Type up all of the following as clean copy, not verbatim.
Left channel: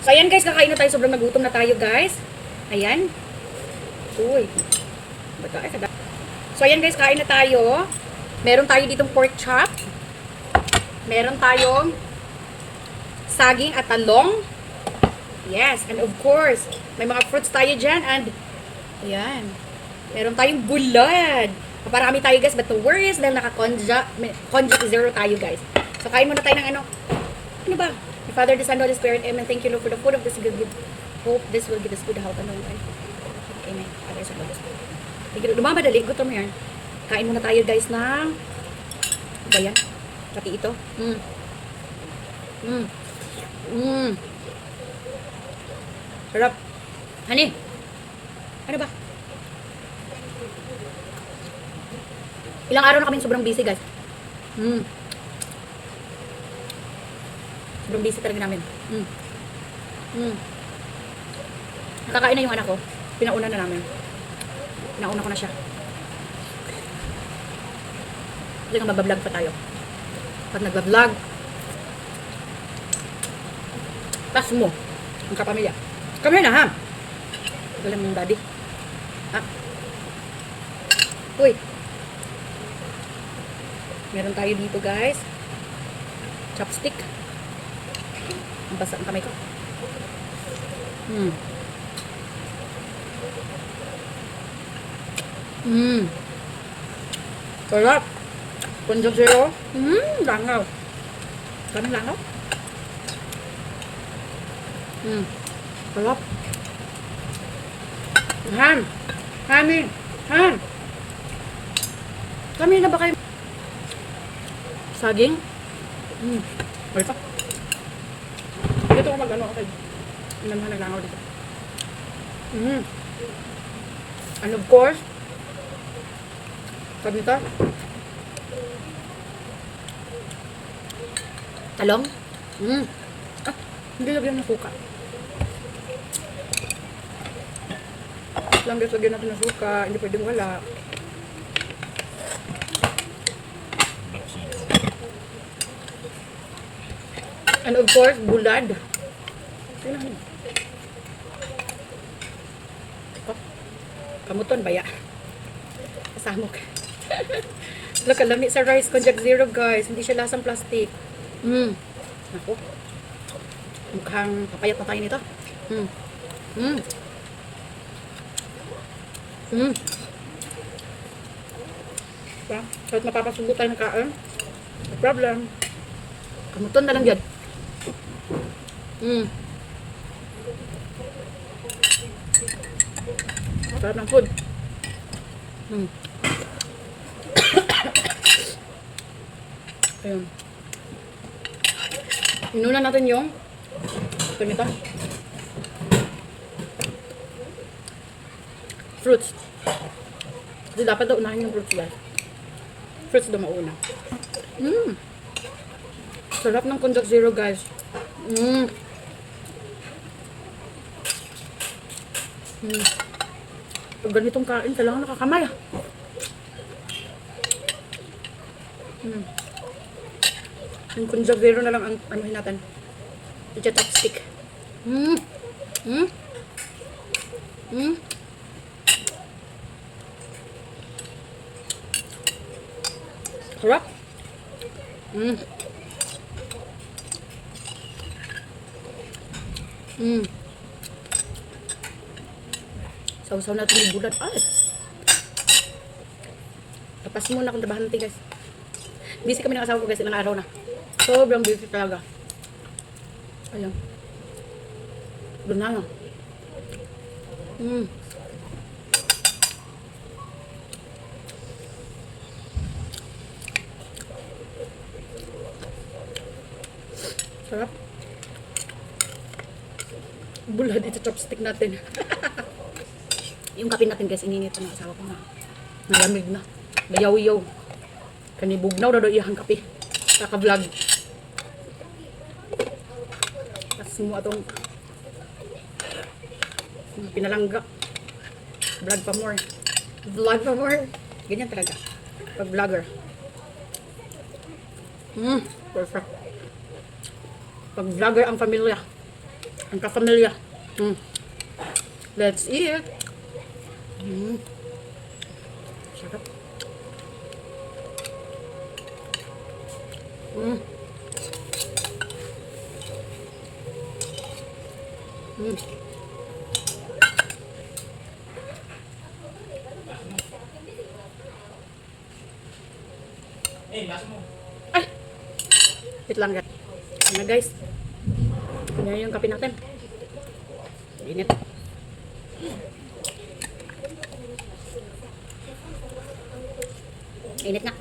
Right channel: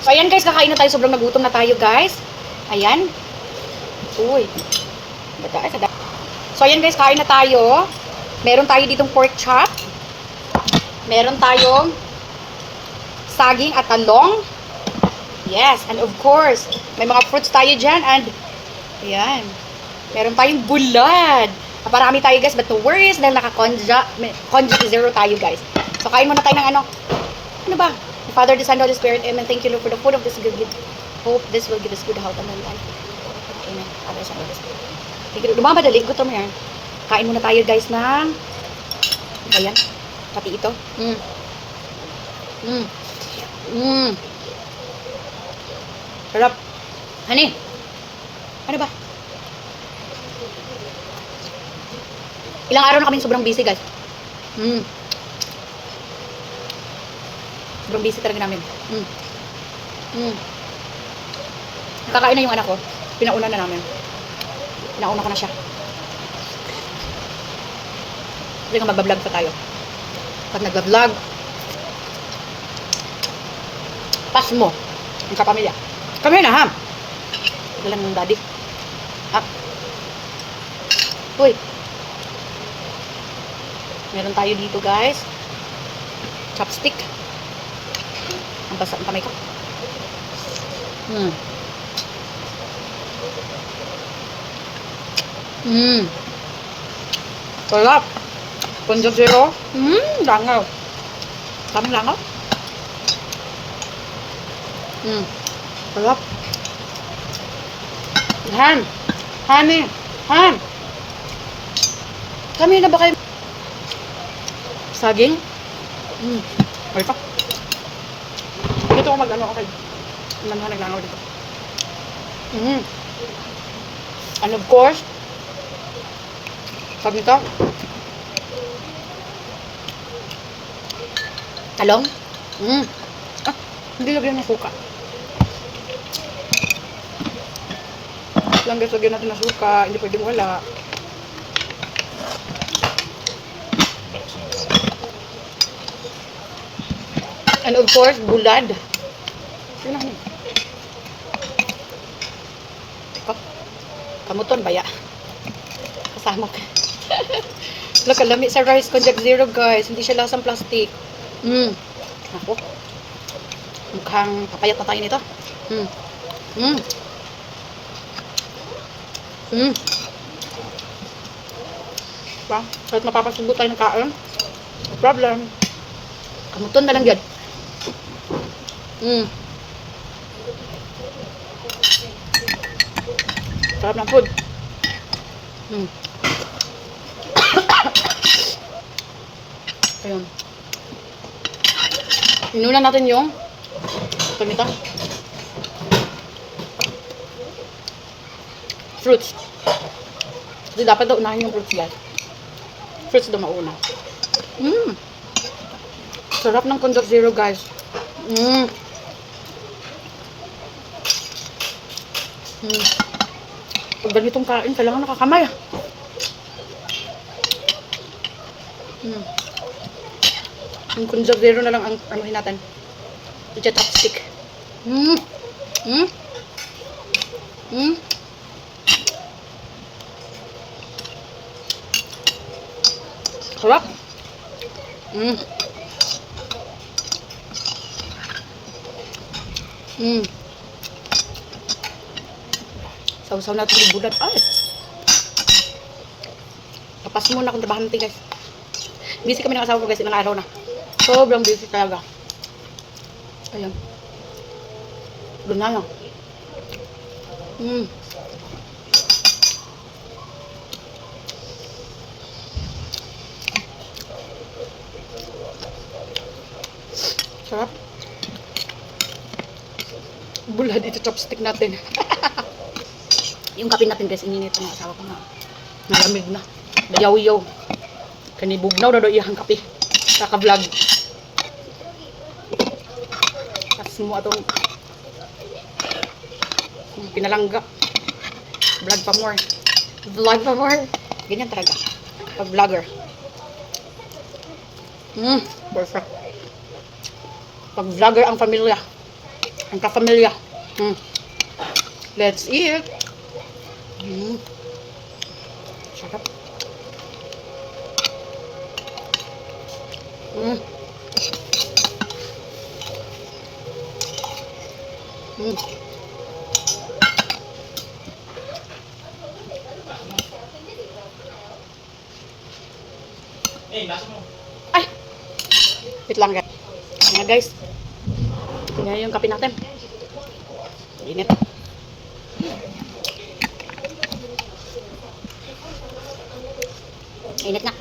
So, ayan guys, kakain na tayo. Sobrang nagutom na tayo, guys. Ayan. Uy. Bata, ay, sada. So, ayan guys, kain na tayo. Meron tayo ditong pork chop. Meron tayong saging at talong. Yes, and of course, may mga fruits tayo dyan. And, ayan. Meron tayong bulad. Naparami tayo guys, but the worst dahil naka-conjugate zero tayo guys. So, kain muna tayo ng ano. Ano ba? The Father, the Son, the Holy Spirit. Amen. Thank you Lord for the food of this good. Hope this will give us good health and mental. Amen. Ako sa Holy Spirit. Thank you Lord. Lumamadali. Gutom yan. Kain muna tayo guys ng ba yan? Pati ito. Sarap. Honey. Ano ba? Ilang araw na kaming sobrang busy guys. Sobrang busy talaga namin. Kakain na yung anak ko. Pinauna na namin. Pinauna ko na siya. Hindi nga magbablog pa tayo. Pag nagbablog, pas mo ang kapamilya. Come here na ha. Ito lang yung daddy. Up. Uy. Meron tayo dito guys. Chopstick. Ang basa ang kamay ko. Sarap. Conjug zero. Langaw. Kaming langaw. Sarap. Ham. Honey. Ham. Kami na ba kayo? Saging. Okay pa. Dito ako mag-ano, okay. Manahan naglangaw dito. And of course, sabi ka, talong. Hindi lagyan ng suka. Lang guys, lagyan natin ng suka. Hindi pwedeng wala. And of course, bulad. Sino na? Kamuton, baya. Kasamok. Kalami sa rice conjugate zero guys. Hindi siya lasang plastic. Ako. Mukhang papayat na tayo nito. Diba? Kahit mapapasubo tayo ng kain. No problem. Kamuton na lang yan. Sarap ng food. Ayun. Inunan natin yung ito. Fruits. Kasi dapat daw unahin yung fruits guys. Fruits daw mauna. Sarap ng conjugate zero guys. Pag ganitong kain, kailangan nakakamay. Yung conjugate zero na lang ang anuhin natin. I-chopstick. Sarap. Sausaw natin yung bulad. Ay! Kapas muna kung trabahan natin guys. Busy kami ng asawa ko guys, ilang araw na. Sobrang busy talaga. Ayan. Doon na lang. Sarap. Bulad ito chopstick natin. Yung kape natin guys, ininit ng asawa ko na. Nalamig na. Dayaw-yaw. Kanibugnaw na doon iyang kape. Kaka-vlog. Tapos mo atong pinalanggap. Vlog pa more. Vlog pa more. Ganyan talaga. Pag-vlogger. Perfect. Pag-vlogger ang pamilya. Ang kapamilya. Let's eat. Sarap. Ay! Wait lang guys. Ayan guys. Tingnan yung kape natin. Init. Init na.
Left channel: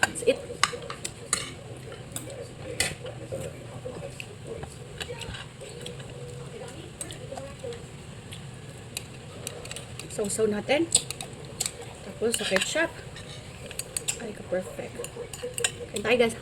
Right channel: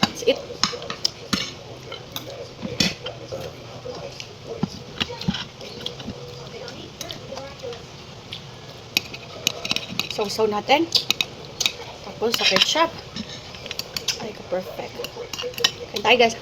That's it. Sausaw natin. Tapos sa ketchup. Ay, ka-perfect. Kain tayo, guys.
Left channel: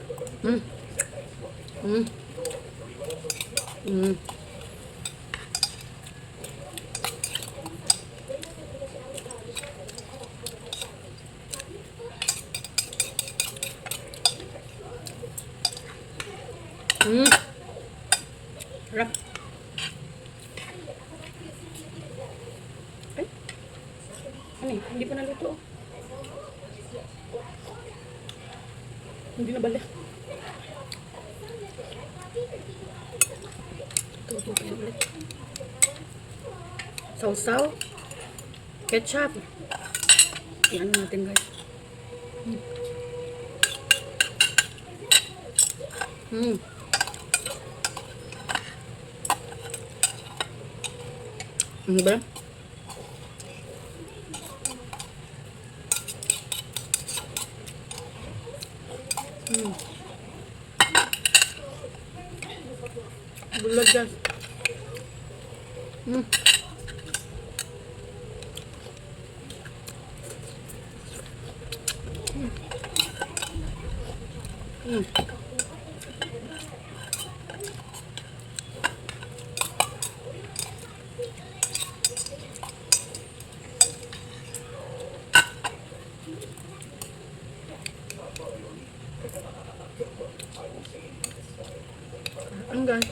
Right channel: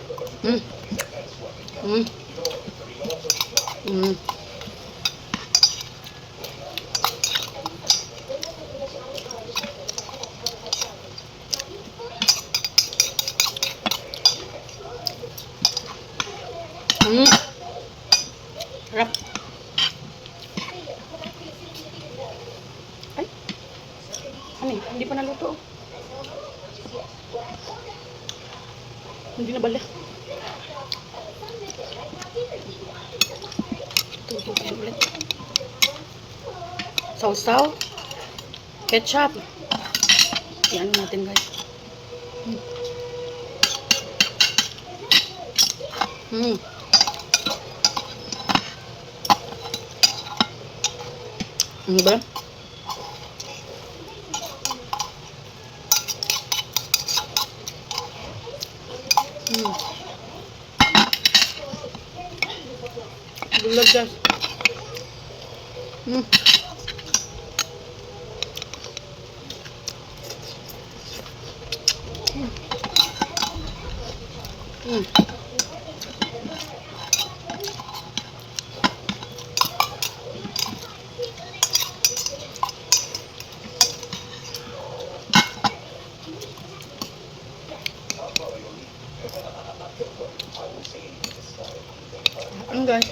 Sarap. Ay. Ano eh? Hindi pa naluto. Hindi na bala. Ito ulit. Sausaw. Ketchup. Iyan natin guys. Ano ba? Bulag guys. Ano guys?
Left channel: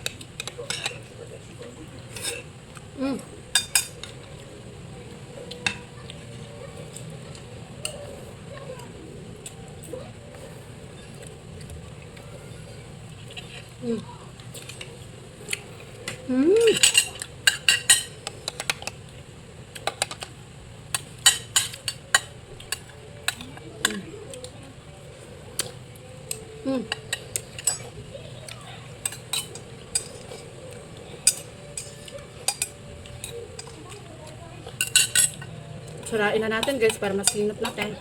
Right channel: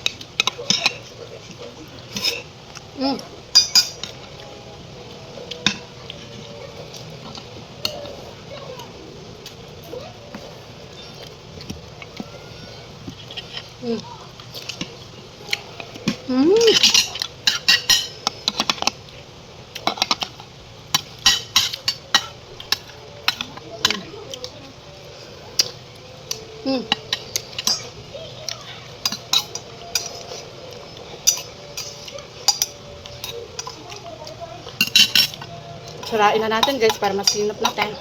Sarain na natin guys para masinop natin.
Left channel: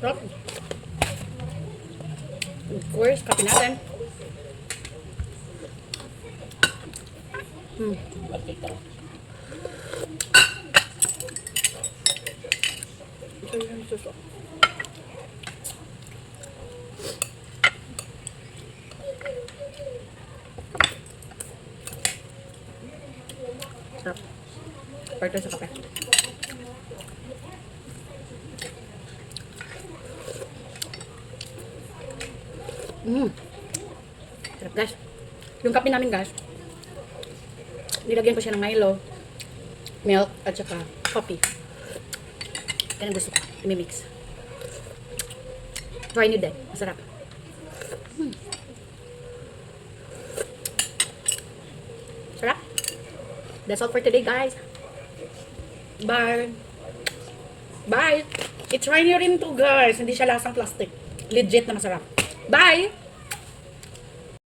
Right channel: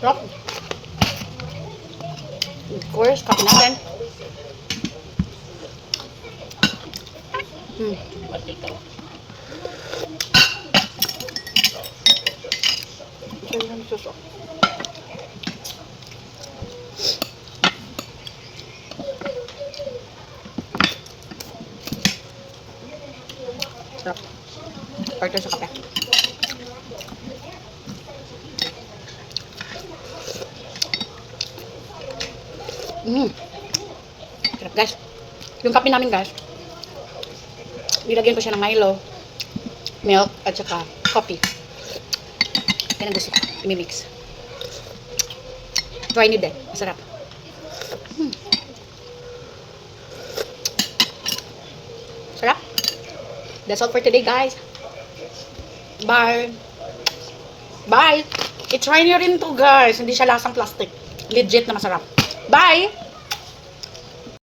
Sarap. Of course, kape natin. Suso. Sarap. Partner sa kape. Sarap guys. Yung kape namin guys, nilagyan ko siya ng Milo, milk, at saka coffee. Yan ang gusto ko. I-mix. Try nyo din. Masarap. Sarap. That's all for today, guys. Bye. Bye. I-try nyo rin to, guys. Hindi siya lasang plastic. Legit na masarap. Bye.